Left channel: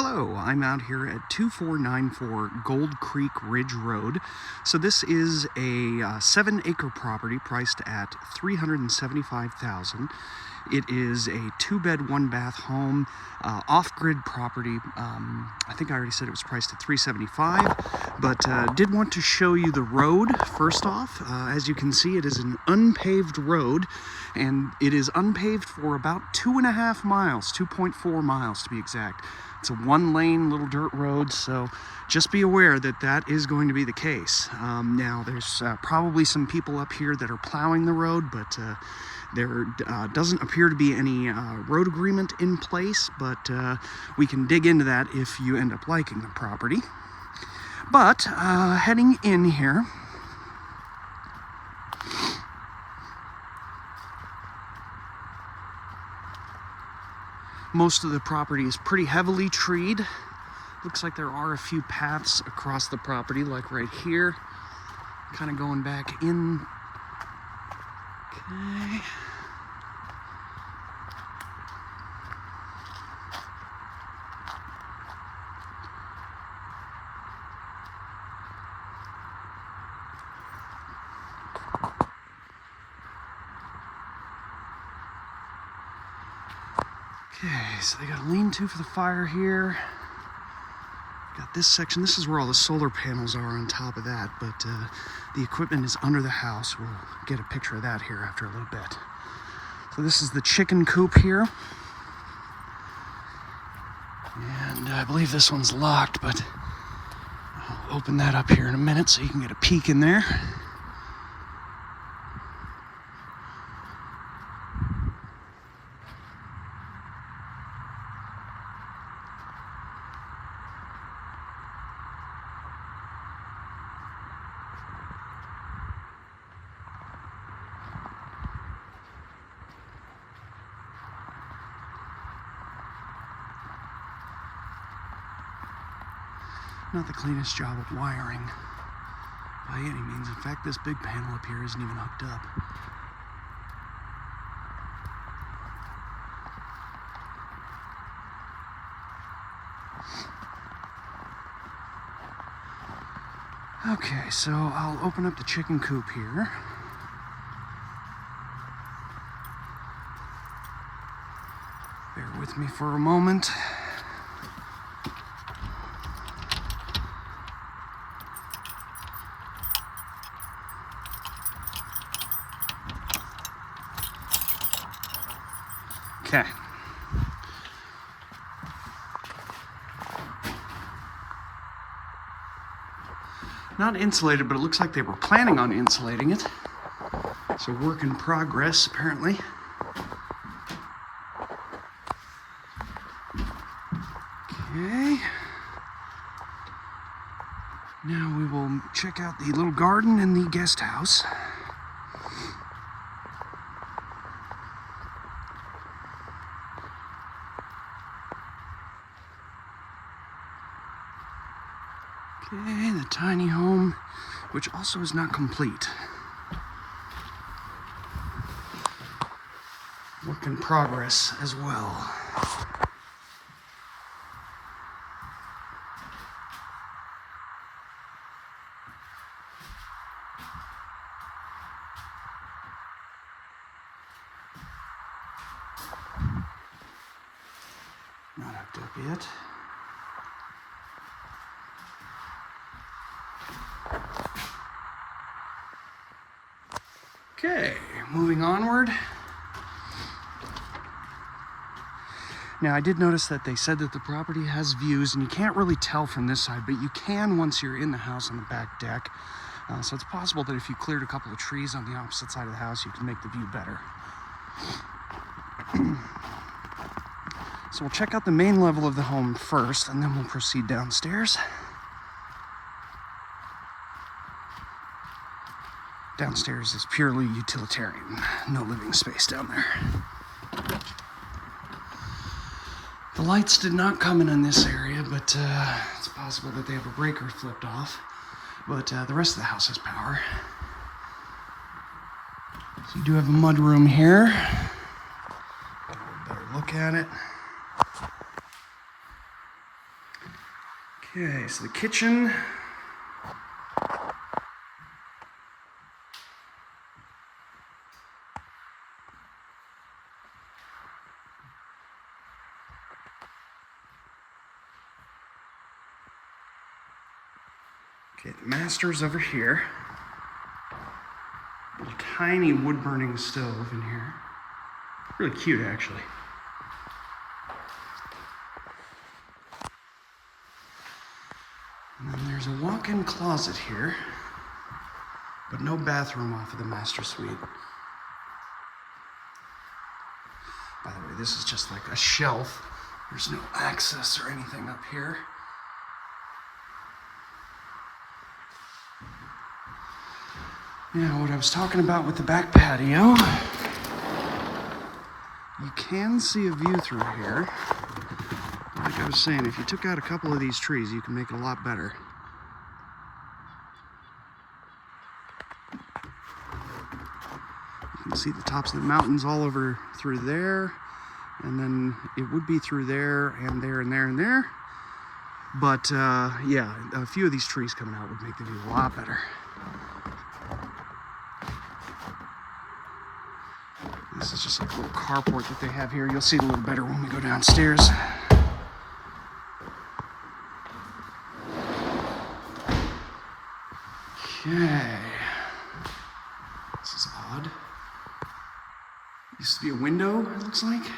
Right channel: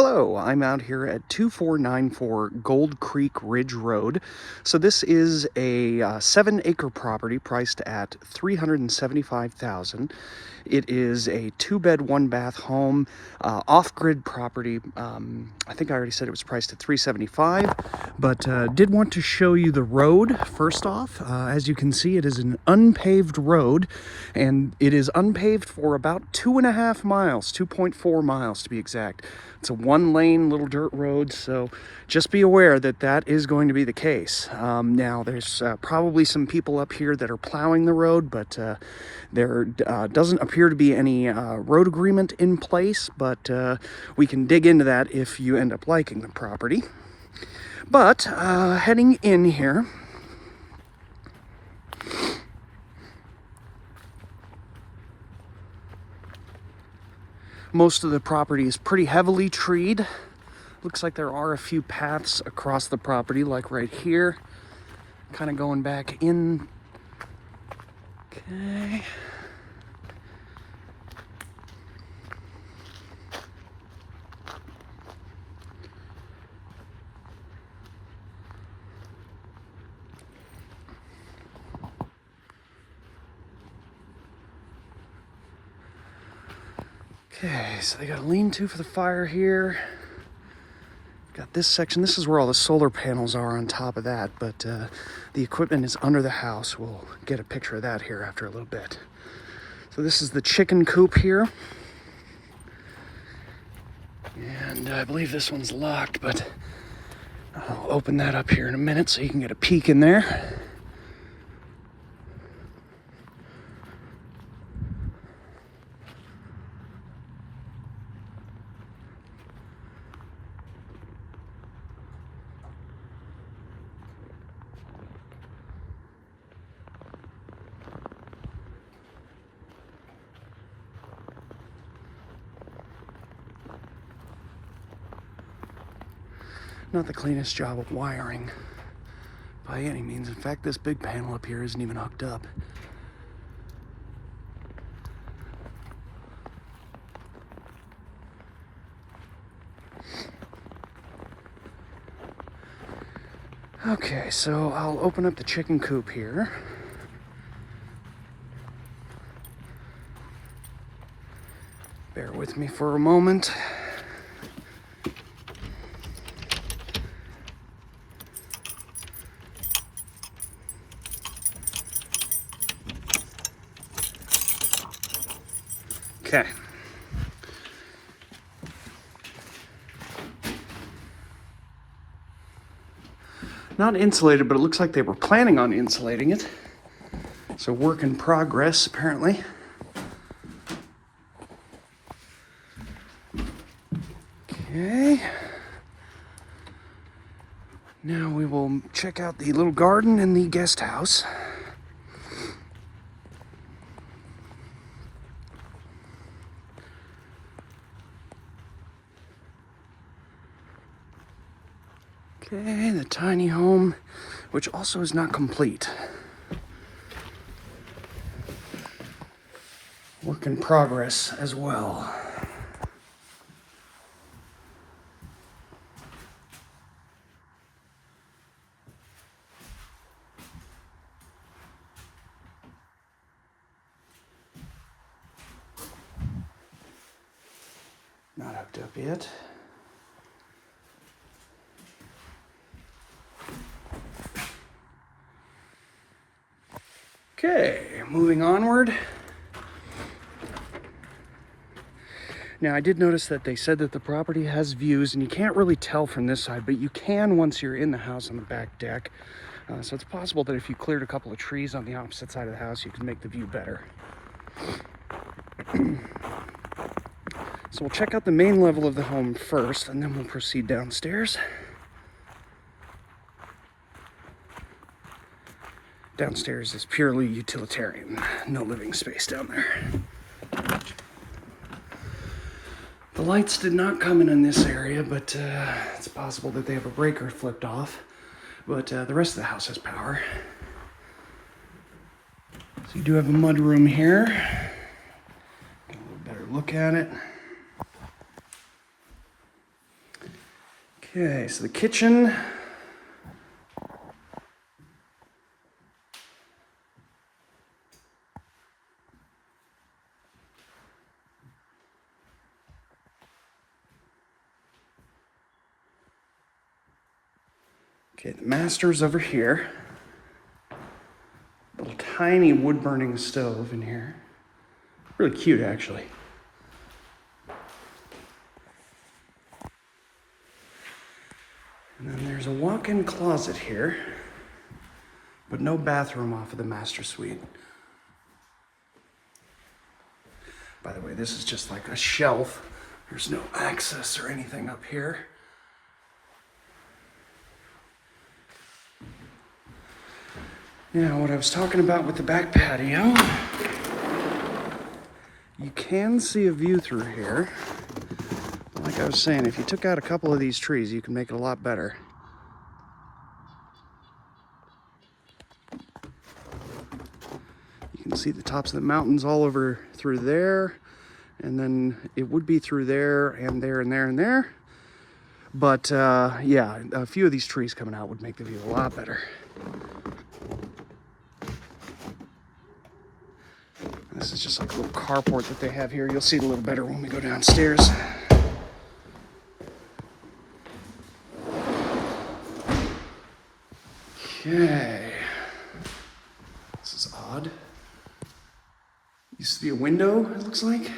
Hello, I'm out here at 2494 Gold Creek Ridge Road. So this is a 7-acre property priced at $375,000. It is a 2-bed, 1-bath home, off-grid property. I think I already said it was priced at $375,000, but did want to show you the road first off. As you can see, it is an unpaved road, and it is unpaved for about 2.5 miles, 2.4 miles to be exact. It's a 1-lane little dirt road, so just be aware that that is going to be the case. Now, there's probably some people up here that are plowing the road, but there doesn't appear to be any road agreement in place, but we can dig into that if you end up liking the property. But heading in here, most of the property is pretty heavily treed. Looks like there are a few paths across the property, like right here. Kind of going back in. Okay. Okay, so they got a lean-to for the fire here. Got this section. This is where all the solar panels are on top of that, but the equipment is under the house. We'll get a picture of that here after a little bit. So this is the chicken coop here. And I believe this one's locked, but I'll open that up here in a minute so you can get a peek in there. Not the cleanest job of wiring by any means. In fact, this big panel up here isn't even hooked up. Okay, so I'll open up the chicken coop here. Bear with me for a moment. Okay. Not insulated, but it looks like they were planning on insulating it. So work in progress, apparently. Okay. Now we will check out the little garden in the guest house. Okay, the tiny home, which also is not complete. Work in progress as well. Not hooked up yet. Okay, moving onward. Now, I did notice that they said that the property has views, and you can't really tell from this side, but you can once you're in the house on the back deck. So it's possible that if you cleared a couple of trees on the opposite side of the house, you can make the view better. So we'll check out the main level of the home first, and then we'll proceed downstairs. Downstairs is purely utilitarian, no living space down there. The lights did not come in this area, but it's possible that they have a breaker flipped off. But the rest of the house has power. So you do have a mud room here. Get a little better look at it. Okay, so the kitchen. Okay, the master's over here. Little tiny wood burning stove in here. Really cute, actually. And then there's a walk-in closet here, but no bathroom off of the master suite. By the way, this is just like a shelf. There's no access or anything up here. Now, what I was talking about with the back patio, you can see a view through here. Like I was saying, if you took out a couple of these trees, you can make it a lot better. You can see the tops of the mountains all over through there, and then it would be through there and there and there and there. But yeah, a few of these trees coming out would make the view a lot better. This is just like a little carport that they have here. You'll see it a little better when we go downstairs. Okay. This is odd. Used to be a window, it looks like.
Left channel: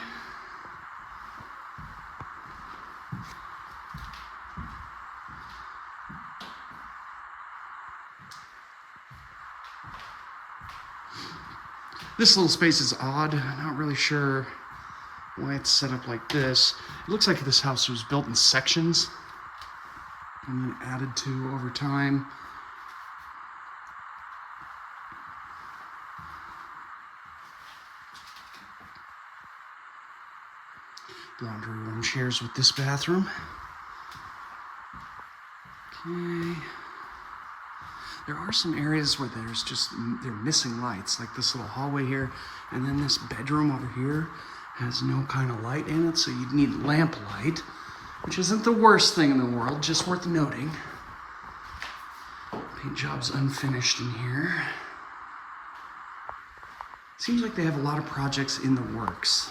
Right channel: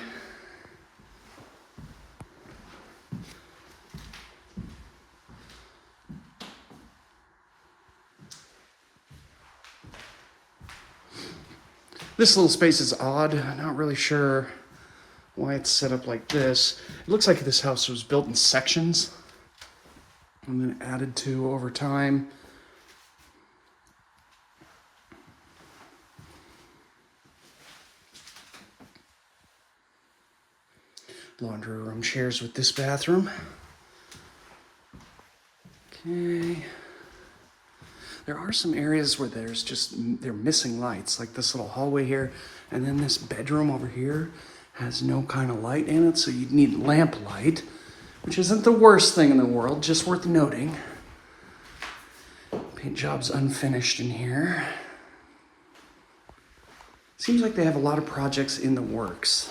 This little space is odd. I'm not really sure why it's set up like this. It looks like this house was built in sections and then added to over time. Laundry room shares with this bathroom. Okay. There are some areas where they're missing lights, like this little hallway here, and then this bedroom over here has no kind of light in it, so you'd need lamp light, which isn't the worst thing in the world, just worth noting. Paint job's unfinished in here. Seems like they have a lot of projects in the works.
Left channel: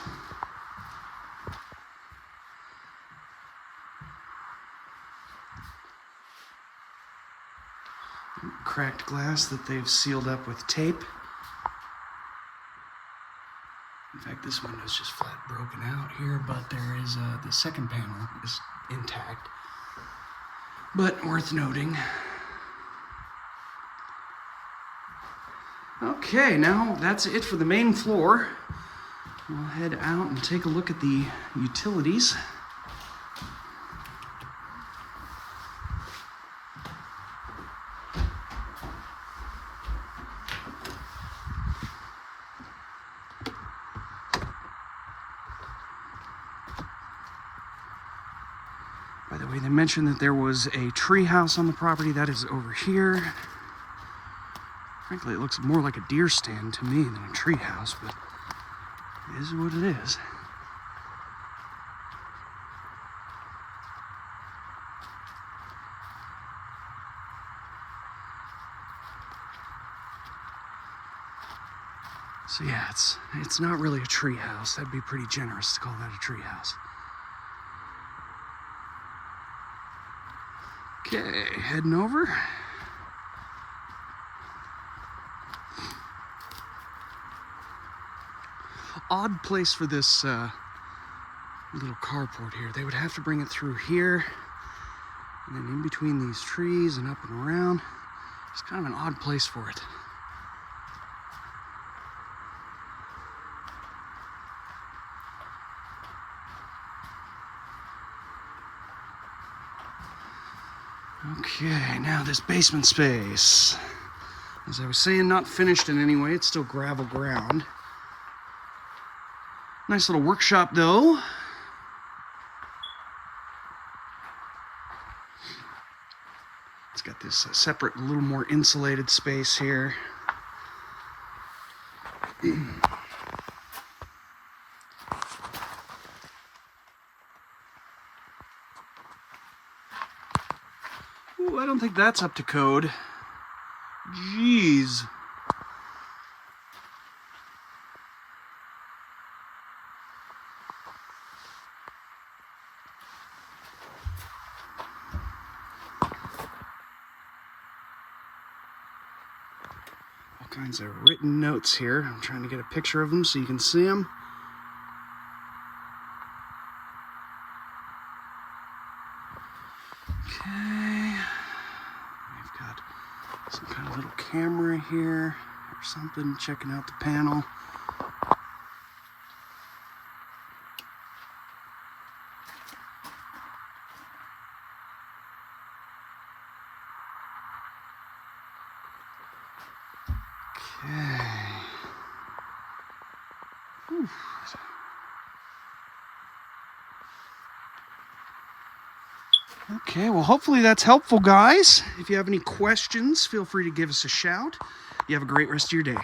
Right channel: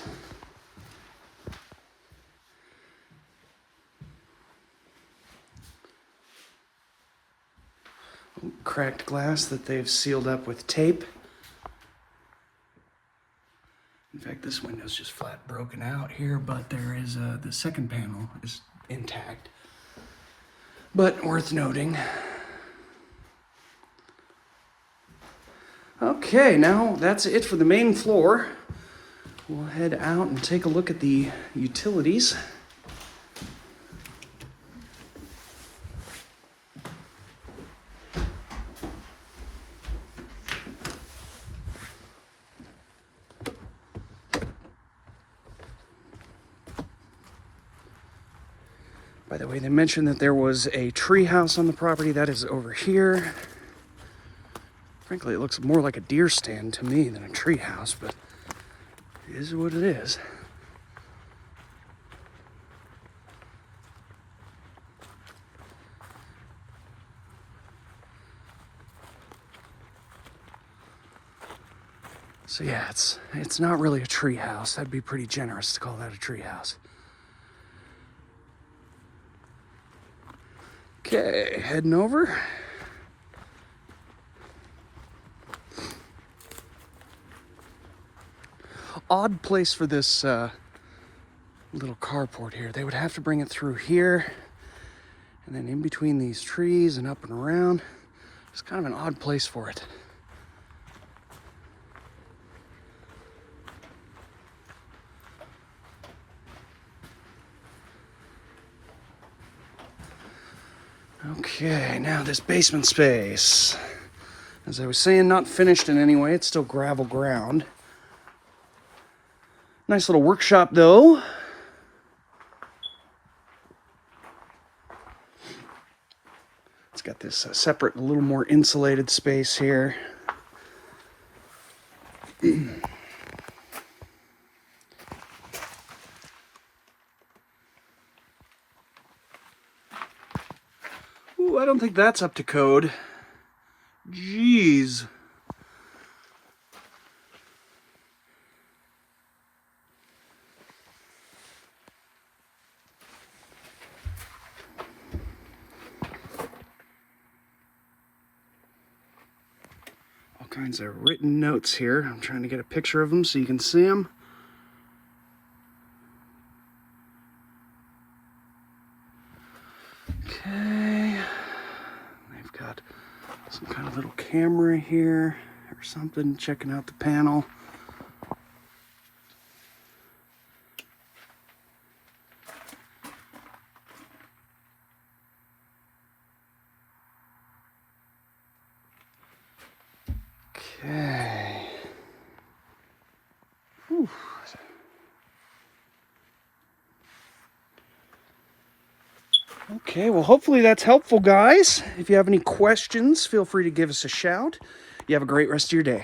Cracked glass that they've sealed up with tape. In fact, this window's just flat broken out here, but there is the second panel is intact. But worth noting. Okay, now that's it for the main floor. We'll head out and take a look at the utilities. By the way, they mentioned that there was a tree house on the property. That is over here. Frankly, it looks more like a deer stand to me than a tree house, but it is what it is. So yeah, it's not really a tree house. That'd be pretty generous to call that a tree house. Okay, heading over. Odd place for this little carport here. They would have to bring it through here and then in between these trees and up and around. It's kind of an odd place for it. Okay, now this basement space. As I was saying, not finished in any way. It's still gravel ground. Nice little workshop, though. It's got this separate, a little more insulated space here. Ooh, I don't think that's up to code. Jeez. All kinds of written notes here. I'm trying to get a picture of them so you can see them. Okay. I've got some kind of little camera here or something checking out the panel. Okay. Whew. Okay, well, hopefully that's helpful, guys. If you have any questions, feel free to give us a shout. You have a great rest of your day.